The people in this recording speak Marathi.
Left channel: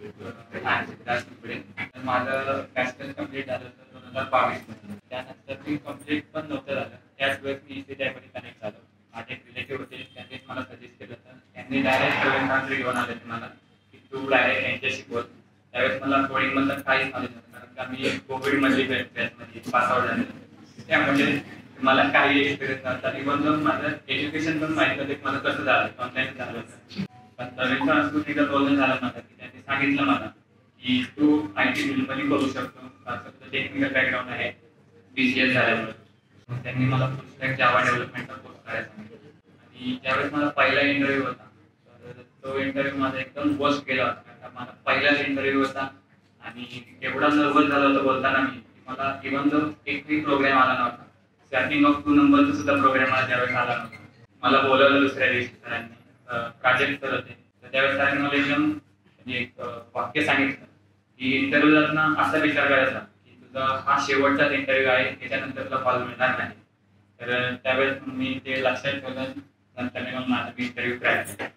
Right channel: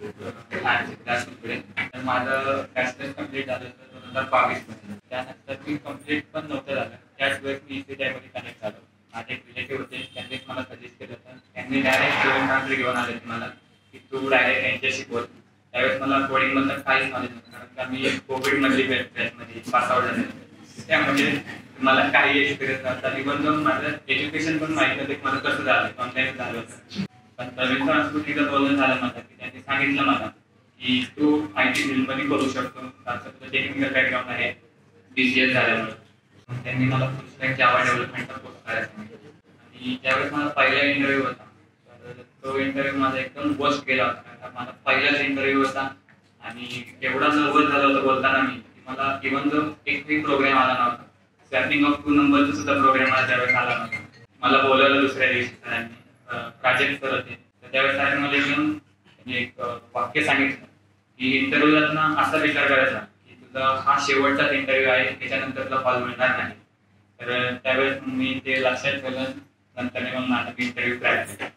क्लास पुढे तर माझं बॅचलर्स कंप्लीट झालं होतं 2022 मध्ये. त्यानंतर मी कंप्लीट पण नव्हतं झालं. त्याच वेळेस मी ECTI मध्ये कनेक्ट झालो. माझे एक रिलेटिव्ह होते, त्यांनीच मला सजेस्ट केलं होतं. त्यांनी डायरेक्ट स्टुडंट घेऊन आले मला की तू डायरेक्ट यांच्याशी बोल. त्यावेळेस मला कोडिंगमधलं काहीच नॉलेज नव्हतं, कारण का मी कोविडमधली बॅचमध्ये पास आउट झाले. त्यामध्ये मला काही एक्सपिरियन्स नव्हता. इव्हन तर माझं एज्युकेशन पण माहीत नव्हतं की मला कसं झालं, ऑनलाईन झालं होतं. पण प्रवीण ट्रान्सपोर्टचं बोलणं झालं माझं की त्यांनी सांगितलं मला की तू IT फील्डमध्ये करू शकतो, असं तुझं टेक्निकल बॅकग्राऊंड आहे BCS झाल्यामुळे. त्यांनी मला फुल स्टॅक जावा डेव्हलपमेंटचा कोर्स करायला सांगितलं. आणि त्यावेळेस मला पहिला इंटरव्ह्यू होता. तर तो इंटरव्ह्यू माझा एकदम वर्स्ट गेला होता, कारण माझा पहिलाच इंटरव्ह्यू होता आणि एवढा नर्वस झालं होतं बोलताना मी की मला इव्हन जो एक प्रोग्राम आला नव्हता. स्वॅपिंग ऑफ 2 नंबरचा सुद्धा प्रोग्राम मला त्यावेळेस आला नव्हता. मला बोलावलं दुसऱ्या दिवशी सरांनी, प्राजक्त सर होते. तर त्यावेळेस सरांनी मला एकदम एक वाक्य सांगितलं की इंटरव्ह्यू जाताना असा विचार करायचा की तुझा हा शेवटचाच इंटरव्ह्यू आहे, त्याच्यानंतर तुला कॉल मिळणार नाही. तर त्यावेळेस मी ते लक्षात ठेवलं. नंतर मग माझा इंटरव्ह्यू क्रॅक झाला.